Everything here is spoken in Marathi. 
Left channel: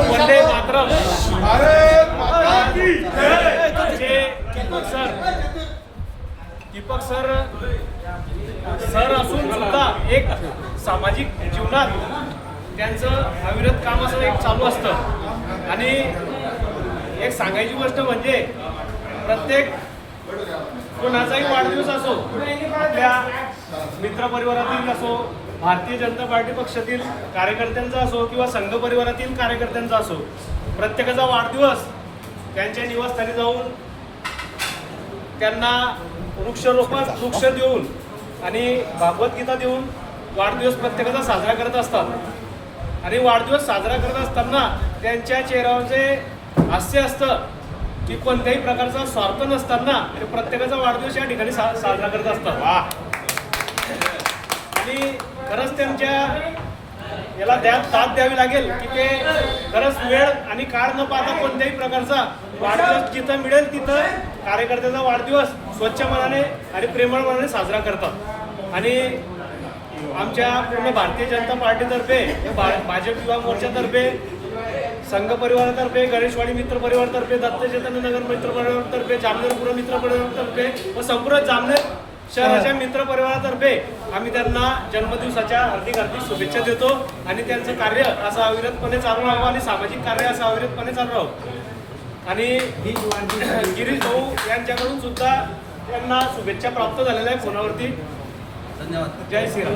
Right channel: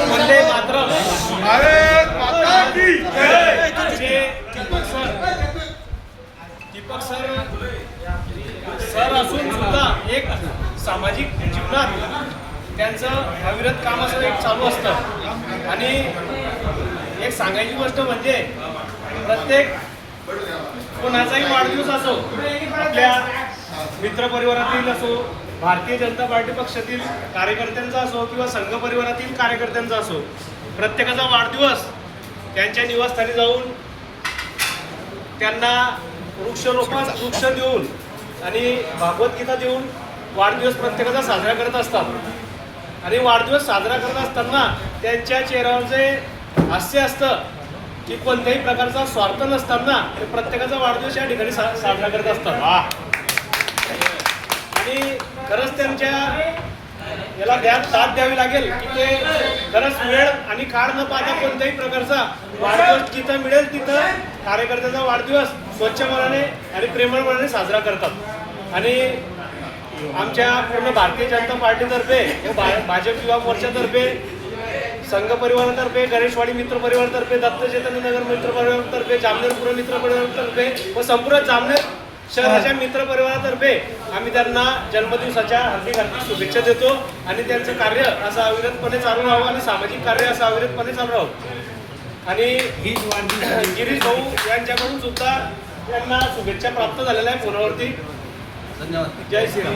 वंदे मातरम. भारत माता की दीपक सर असून सुद्धा एक सामाजिक जीवनात त्यांचं अविरत काम असं एक चालू असतं. आणि एक सांगायची गोष्ट म्हणजे प्रत्येक कोणाचाही वाढदिवस असो, आपल्या मित्रपरिवारातील असो, भारतीय जनता पार्टी पक्षातील कार्यकर्त्यांचा असो किंवा संघ परिवारातील कार्यकर्त्यांचा असो, प्रत्येकाचा वाढदिवस त्यांच्या निवासस्थानी जाऊन त्यांना वृक्ष देऊन आणि भागवतगीता देऊन वाढदिवस प्रत्येकाचा साजरा करत असतात. आणि वाढदिवस साजरा करत असताना त्यांच्या चेहऱ्यावरचे हास्य असतं की कोणत्याही प्रकारचा स्वार्थ नसताना ते प्रत्येकाचा वाढदिवस या ठिकाणी साजरा करत असतात. आणि खरंच त्यांच्या याला साथ द्यावी लागेल की ते खरंच वेळ आणि काळ न पाहता कोणत्याही प्रकारचा वाढदिवस जिथं मिळेल तिथं कार्यकर्त्याचा वाढदिवस स्वच्छ मनाने आणि प्रेमळ मनाने साजरा करतात. आणि आमच्या पूर्ण भारतीय जनता पार्टीतर्फे, भाजप युवा मोर्चातर्फे, संघ परिवारातर्फे, गणेशवाडी मित्र परिवारातर्फे, दत्त चैतन्य नगर मित्र परिवारातर्फे, जामनेर पूर्व मित्र परिवारातर्फे व संपूर्ण जामनेर शहराच्या मित्र परिवारातर्फे आम्ही त्यांना जन्मदिवसाच्या हार्दिक शुभेच्छा देतो. आणि त्यांचं कार्य असं अविरतपणे चालू राहावं आणि सामाजिक कार्य असं अविरतपणे चालू राहावं. आणि गिरीश भाऊ यांच्याकडून सुद्धा त्यांना शुभेच्छा प्राप्त झालेल्या आहे फोनावरती. धन्यवाद. जय श्रीराम.